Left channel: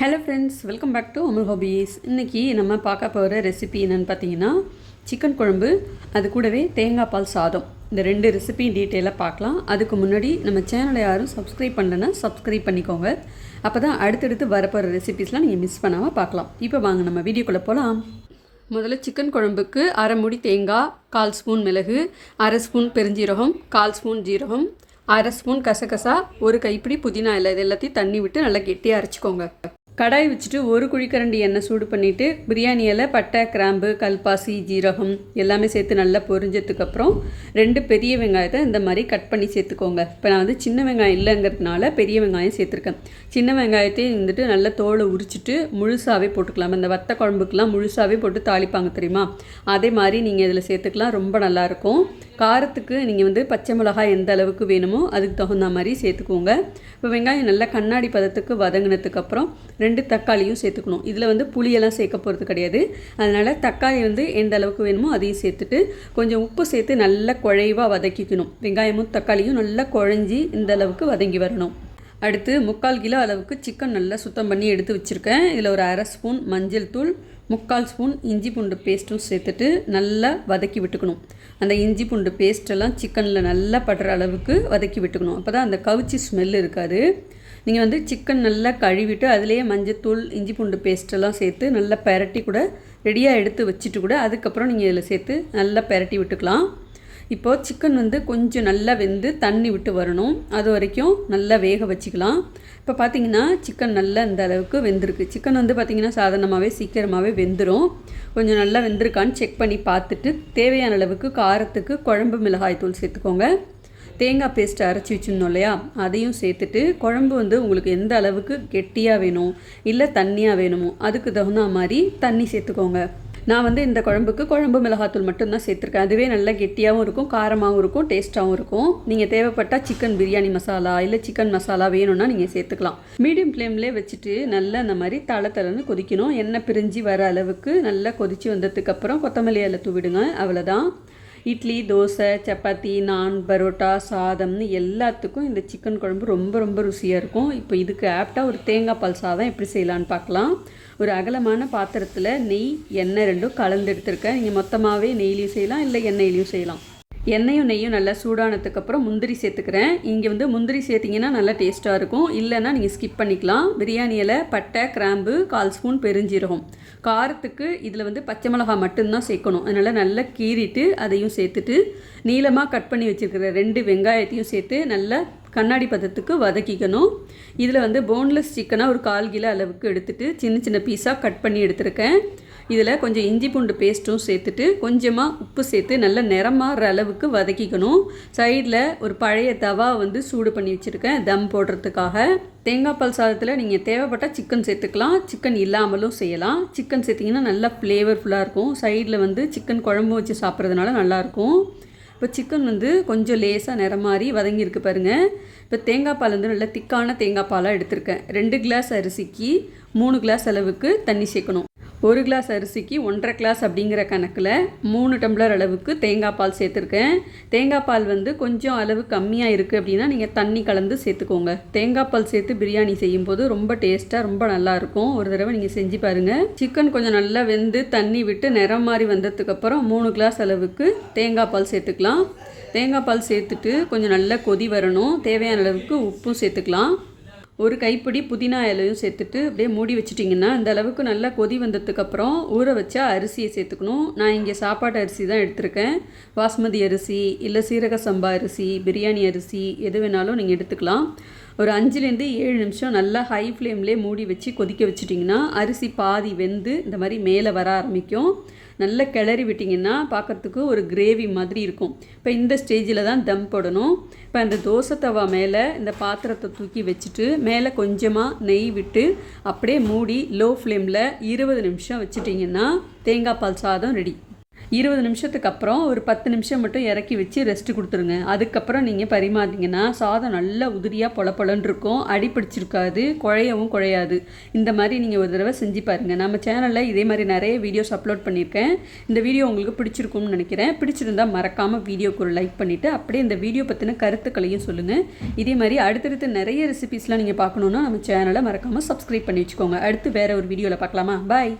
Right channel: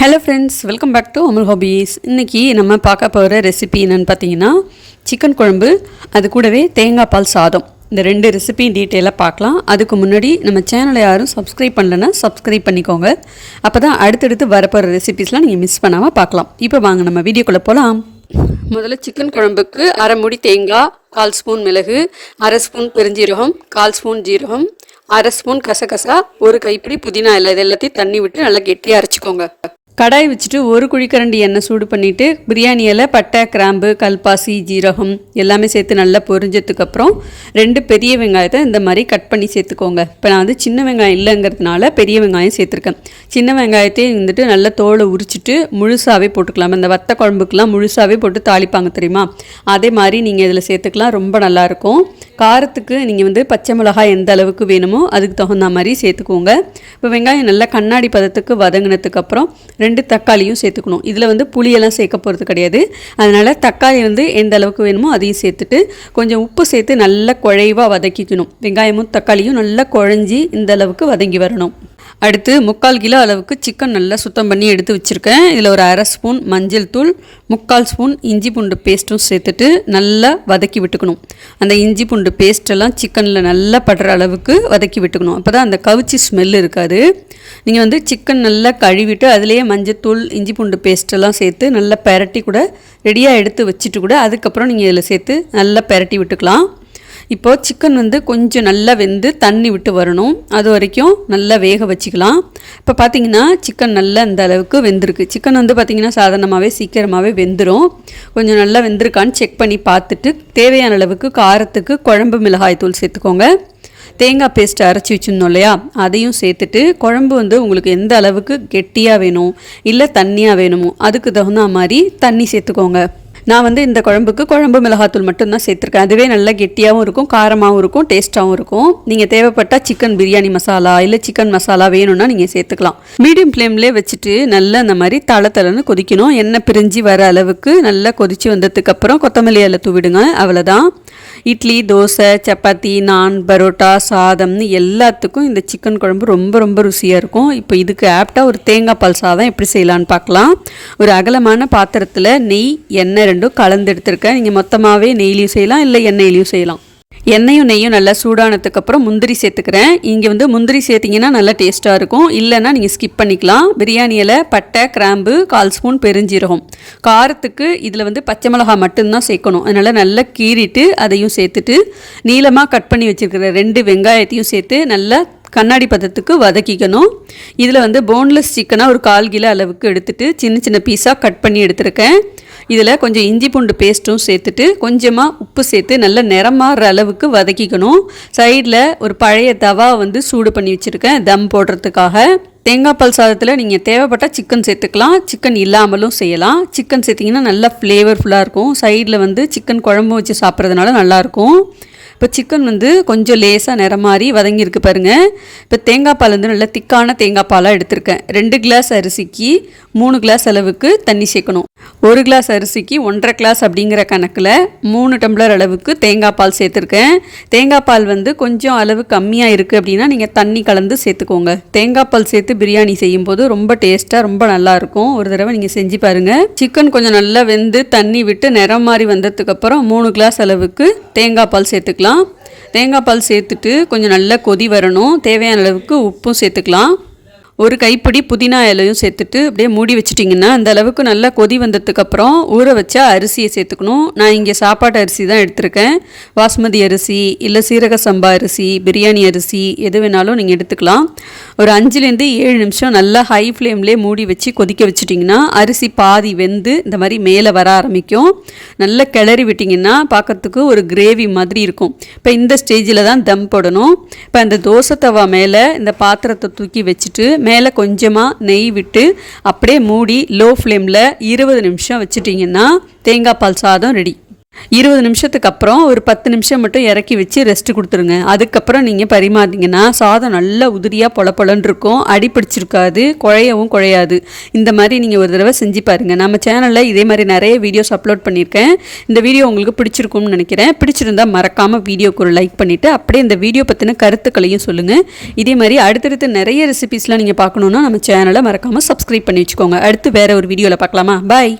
Hello friends, welcome back to Amul hobbies. இன்றைக்கி நம்ம பார்க்க போகிற ரெசிபி என்னென்னு பார்த்தீங்கன்னா சிக்கன் குழம்பு, அது கூடவே தேங்காய் பால் சாதம். இந்த ரெண்டு ரெசிபியும் டீட்டெயிலாக பார்க்கலாம். அதுக்கு முன்னாடி நம்ம சேனலை யாரும் சப்ஸ்கிரைப் பண்ணலைன்னா சப்ஸ்கிரைப் பண்ணிக்கோங்க. அப்போ தான் அடுத்தடுத்து வரப்போகிற ரெசிபிஸ்லாம் நீங்கள் மிஸ் பண்ணாமல் பார்க்கலாம். இப்போ வாங்க நம்ம வீடியோக்குள்ளே போகலாம். முதல்ல சிக்கன் குழம்புக்கு அரை மூடி தேங்காய், 1/4 ஸ்பூன் மிளகு, அரை ஸ்பூன் பெருஞ்சீரகம், 1/4 ஸ்பூன் ஜீரகம், அரை ஸ்பூன் கசகசா, ஒரு கைப்பிடி புதினா இலை, இது எல்லாத்தையும் தண்ணி விட்டு நல்லா கெட்டியாக அரைச்சிக்கோங்க. கடாய் வச்சுட்டு ஒரு குழிக்கரண்டி எண்ணெய் சூடு பண்ணிவிட்டு பிரியாணி இலை, பட்டை, கிராம்பு, கல்பாசி, ஜீரகம் எல்லாமே சேர்த்து நல்லா பொரிஞ்சதுக்கப்புறம் 2 பெரிய வெங்காயத்தை இந்த மாதிரி கட் பண்ணி சேர்த்துக்கோங்க. இப்போ நான் சின்ன வெங்காயம் இல்லைங்கிறதுனால பெரிய வெங்காயம் சேர்த்துருக்கேன். சின்ன வெங்காயத்தையும் நல்லா தோலை உரிச்சிட்டு முழுசாகவே போட்டுக்கலாம். இந்த வத்த குழம்புக்கெலாம் முழுசாகவே போட்டு தாளிப்பாங்க தெரியுமா, அதே மாதிரி நீங்கள் இதில் சேர்த்துக்கலாம். ரொம்ப நல்லாயிருக்கும். காரத்துக்கு நீங்கள் பச்சை மிளகாய் எந்த அளவுக்கு வேணுமோ அதுக்கு தகுந்த மாதிரி சேர்த்துக்கோங்க. இப்போ வெங்காயம் நல்லா கண்ணாடி பதத்துக்கு வதங்கினதுக்கப்புறம் 2 தக்காளியும் சேர்த்துக்கணும். இதில் புளியெல்லாம் சேர்க்க போகிறது கிடையாது. அதனால் தக்காளி எந்த அளவுக்கு வேணுமோ அதையும் சேர்த்துட்டு கொஞ்சம் உப்பு சேர்த்து நல்லா குழைவாக வதக்கிக்கணும். வெங்காயமும் தக்காளியும் நல்லா குழஞ்சி இந்த அளவுக்கு வதங்கி வரணும். அடுத்து 3/4 கிலோ அளவுக்கு சிக்கன் நல்லா சுத்தம் பண்ணி எடுத்து வச்சுருக்கேன். இதில் ஒரு அரை ஸ்பூன் மஞ்சள் தூள், 3/4 ஸ்பூன் இஞ்சி பூண்டு பேஸ்ட்டும் சேர்த்துட்டு நல்லா வதக்கி விட்டுக்கணும். அந்த இஞ்சி பூண்டு பேஸ்ட்டெல்லாம் சிக்கனில் நல்லா படுற அளவுக்கு வதக்கி விட்டுக்கணும். அப்போ தான் அந்த கவிச்சி ஸ்மெல் இருக்காது. நீங்கள் சிக்கன் நல்லா கழுவிட்டு அதிலேயே மஞ்சத்தூள், இஞ்சி பூண்டு பேஸ்ட்டெல்லாம் சேர்த்து நல்லா பெரட்டி கூட ரெடியாக எடுத்து வச்சுட்டு கூட அதுக்கப்புறம் நீங்கள் இதில் சேர்த்து நல்லா பெரட்டி விட்டுக்கலாம். இப்போது சிக்கன் கொஞ்சம் நல்லா வெந்து தண்ணி விட்டு வரணும். அது வரைக்கும் நல்லா வேக வச்சுக்கலாம். இப்போ பார்த்தீங்கன்னா சிக்கன் நல்லா இந்த அளவுக்கு வெந்திருக்கு. சிக்கன் பார்த்தீங்கன்னா சாதாரணமாகவே சீக்கிரமாகவே வெந்துடும். கொஞ்சம் நல்லா வெந்திருக்கான்னு செக் பண்ணி பார்த்துட்டு தேவையான அளவுக்கு காரத்துக்கு குழம்பு மிளகாய் தூள் சேர்த்துக்கோங்க. தேங்காய் பேஸ்ட்டு அரைச்சி வச்சுருந்தோம் இல்லையா, அதையும் சேர்த்துட்டு குழம்பு உங்களுக்கு எந்த அளவுக்கு கெட்டியாக வேணும் இல்லை தண்ணியாக வேணுமோ அதுக்கு தகுந்த மாதிரி தண்ணி சேர்த்துக்கோங்க. நான் இந்த குழம்புக்கு குழம்பு மிளகாத்தூள் மட்டும்தான் சேர்த்துருக்கேன். அதுவே நல்லா கெட்டியாகவும் இருக்கும், காரமாகவும் இருக்கும், டேஸ்ட்டாகவும் இருக்கும். நீங்கள் தேவைப்பட்டால் சிக்கன் பிரியாணி மசாலா இல்லை சிக்கன் மசாலா வேணும்னா நீங்கள் சேர்த்துக்கலாம். மீடியம் ஃப்ளேம்லேயே வச்சுட்டு நல்லா இந்த மாதிரி தளன்னு கொதிக்கணும். எண்ணெய் பிரிஞ்சு வர அளவுக்கு நல்லா கொதித்து வந்ததுக்கப்புறம் கொத்தமல்லி இலை தூவிடுங்க. அவ்வளோதான். இட்லி, தோசை, சப்பாத்தி, நான், பரோட்டா, சாதம்னு எல்லாத்துக்கும் இந்த சிக்கன் குழம்பு ரொம்ப ரொம்ப ருசியாக இருக்கும். இப்போ இதுக்கு ஆப்டாக ஒரு தேங்காய் பால் சாதம் எப்படி செய்யலான்னு பார்க்கலாம். ஒரு அகலமான பாத்திரத்தில் நெய், எண்ணெய் ரெண்டும் கலந்து எடுத்துருக்கேன். நீங்கள் மொத்தமாகவே நெய்லையும் செய்யலாம் இல்லை எண்ணெயிலையும் செய்யலாம். எண்ணெயும் நெய்யும் நல்லா சூடானதுக்கப்புறம் முந்திரி சேர்த்துக்கிறேன். இங்கே முந்திரி சேர்த்திங்கன்னா நல்லா டேஸ்ட்டாக இருக்கும். இல்லைன்னா நீங்கள் ஸ்கிப் பண்ணிக்கலாம். பிரியாணி இலை, பட்டை, கிராம்பு, 1/4 ஸ்பூன் பெருஞ்சீரகம். காரத்துக்கு இதில் பச்சை மிளகாய் மட்டும்தான் சேர்க்கணும். அதனால் நல்லா கீறிட்டு அதையும் சேர்த்துட்டு நீளமாக கட் பண்ணி வச்சுருக்கிற 2 வெங்காயத்தையும் சேர்த்து நல்லா கண்ணாடி பதத்துக்கு வதக்கிக்கணும். இதில் போன்லெஸ் சிக்கனாக ஒரு 1/4 கிலோ அளவுக்கு எடுத்துகிட்டு சின்ன சின்ன பீஸாக கட் பண்ணி எடுத்துருக்கேன். இதில் கொஞ்சம் இஞ்சி பூண்டு பேஸ்ட்டும் சேர்த்துட்டு கொஞ்சமாக உப்பு சேர்த்து நல்லா நிறமாற அளவுக்கு வதக்கிக்கணும். சைடில் ஒரு பழைய தவா சூடு பண்ணி வச்சுருக்கேன் தம் போடுறதுக்காக. தேங்காய் பால் சாதத்தில் நீங்கள் தேவைப்பட்டால் சிக்கன் சேர்த்துக்கலாம், சிக்கன் இல்லாமலும் செய்யலாம். சிக்கன் சேர்த்திங்கன்னா நல்லா ஃப்ளேவர்ஃபுல்லாக இருக்கும். சைடில் சிக்கன் குழம்பு வச்சு சாப்பிட்றதுனால நல்லாயிருக்கும். இப்போ சிக்கன் கொஞ்சம் லேசாக நிறம் மாதிரி வதங்கியிருக்கு பாருங்கள். இப்போ தேங்காய் பால் நல்லா திக்கான தேங்காய் பாலாக எடுத்திருக்கேன். 2 கிளாஸ் அரிசிக்கு 3 கிளாஸ் அளவுக்கு தண்ணி சேர்க்கணும். 1 கிளாஸ் அரிசிக்கு 1.5 கிளாஸ் அப்படிங்கிற கணக்கில் 3 டம்ளர் அளவுக்கு தேங்காய் பால் சேர்த்துருக்கேன். தேங்காய் பால் கொஞ்சம் அளவு கம்மியாக இருக்குது அப்படின்னா நீங்கள் தண்ணி கலந்து சேர்த்துக்கோங்க. தேங்காய் பால் சேர்த்து பிரியாணி செய்யும்போது ரொம்ப டேஸ்ட்டாக ரொம்ப நல்லாயிருக்கும். ஒரு தடவை நீங்கள் செஞ்சு பாருங்கள். சிக்கன் கொஞ்சம் நல்லா வெந்து தண்ணி விட்டு நிறம் மாதிரி வந்ததுக்கப்புறம் 3 கிளாஸ் அளவுக்கு தேங்காய் பால் சேர்த்துக்கலாம். தேங்காய் பால் சேர்த்துட்டு கொஞ்சம் நல்லா கொதி வரணும். தேவையான அளவுக்கு உப்பும் சேர்த்துக்கலாம். ஒரு கைப்பிடி புதினா இலையும் சேர்த்துட்டு அப்படியே மூடி வச்சிட்டிங்கன்னா அந்த அளவுக்கு நல்லா கொதி வந்ததுக்கப்புறம் ஊற வச்சா அரிசியை சேர்த்துக்கணும். நான் இங்கே சாப்பாட்டு அரிசி தான் எடுத்திருக்கேன். பாஸ்மதி அரிசி இல்லை சீரக சம்பா அரிசி, பிரியாணி அரிசி எது வேணாலும் நீங்கள் எடுத்துக்கலாம். ஒரு 5லேருந்து 7 நிமிஷம் நல்லா ஹை ஃப்ளேம்லேயே மூடி வச்சு கொதிக்க வச்சிட்டிங்கன்னா அரிசி பாதி வெந்து இந்த மாதிரி மேலே வர ஆரம்பிக்கும். நல்லா கிளறி விட்டிங்கன்னா பார்க்கறதுக்கு ஒரு கிரேவி மாதிரி இருக்கும். இப்போ இந்த ஸ்டேஜில் தான் தம் போடணும். இப்போ அந்த தோசை தவா மேலே இந்த பாத்திரத்தை தூக்கி வச்சுட்டு மேலே கொஞ்சமாக நெய் விட்டு அப்படியே மூடி லோ ஃப்ளேமில் 20 நிமிஷம் வச்சுட்டிங்கன்னா தேங்காய் பால் சாதம் ரெடி. 20 நிமிஷத்துக்கு அப்புறம் ஒரு 10 நிமிஷம் மட்டும் இறக்கி வச்சு ரெஸ்ட் கொடுத்துருங்க. அதுக்கப்புறம் நீங்கள் பரிமாறிங்கன்னா சாதம் நல்லா உதிரியாக பொலன்னு இருக்கும், அடி பிடிச்சிருக்காது, குழையவும் குழையாது. இந்த மாதிரி நீங்கள் ஒரு தடவை செஞ்சு பாருங்கள். நம்ம சேனலில் இதே மாதிரி நிறைய வீடியோஸ் அப்லோட் பண்ணியிருக்கேன். இந்த வீடியோ உங்களுக்கு பிடிச்சிருக்கும்னு நினைக்கிறேன். பிடிச்சிருந்தால் மறக்காமல் வீடியோக்கு ஒரு லைக் பண்ணிவிட்டு அப்படியே இந்த வீடியோ பற்றின கருத்துக்களையும் சொல்லுங்கள். இதே மாதிரி அடுத்தடுத்து நிறைய ரெசிபீஸ்லாம் நீங்கள் பார்க்கணுன்னா நம்ம சேனலை மறக்காமல் சப்ஸ்கிரைப் பண்ணி வச்சுக்கோங்க. அடுத்து வேறு ஒரு வீடியோவில் பார்க்கலாமா? பாய்.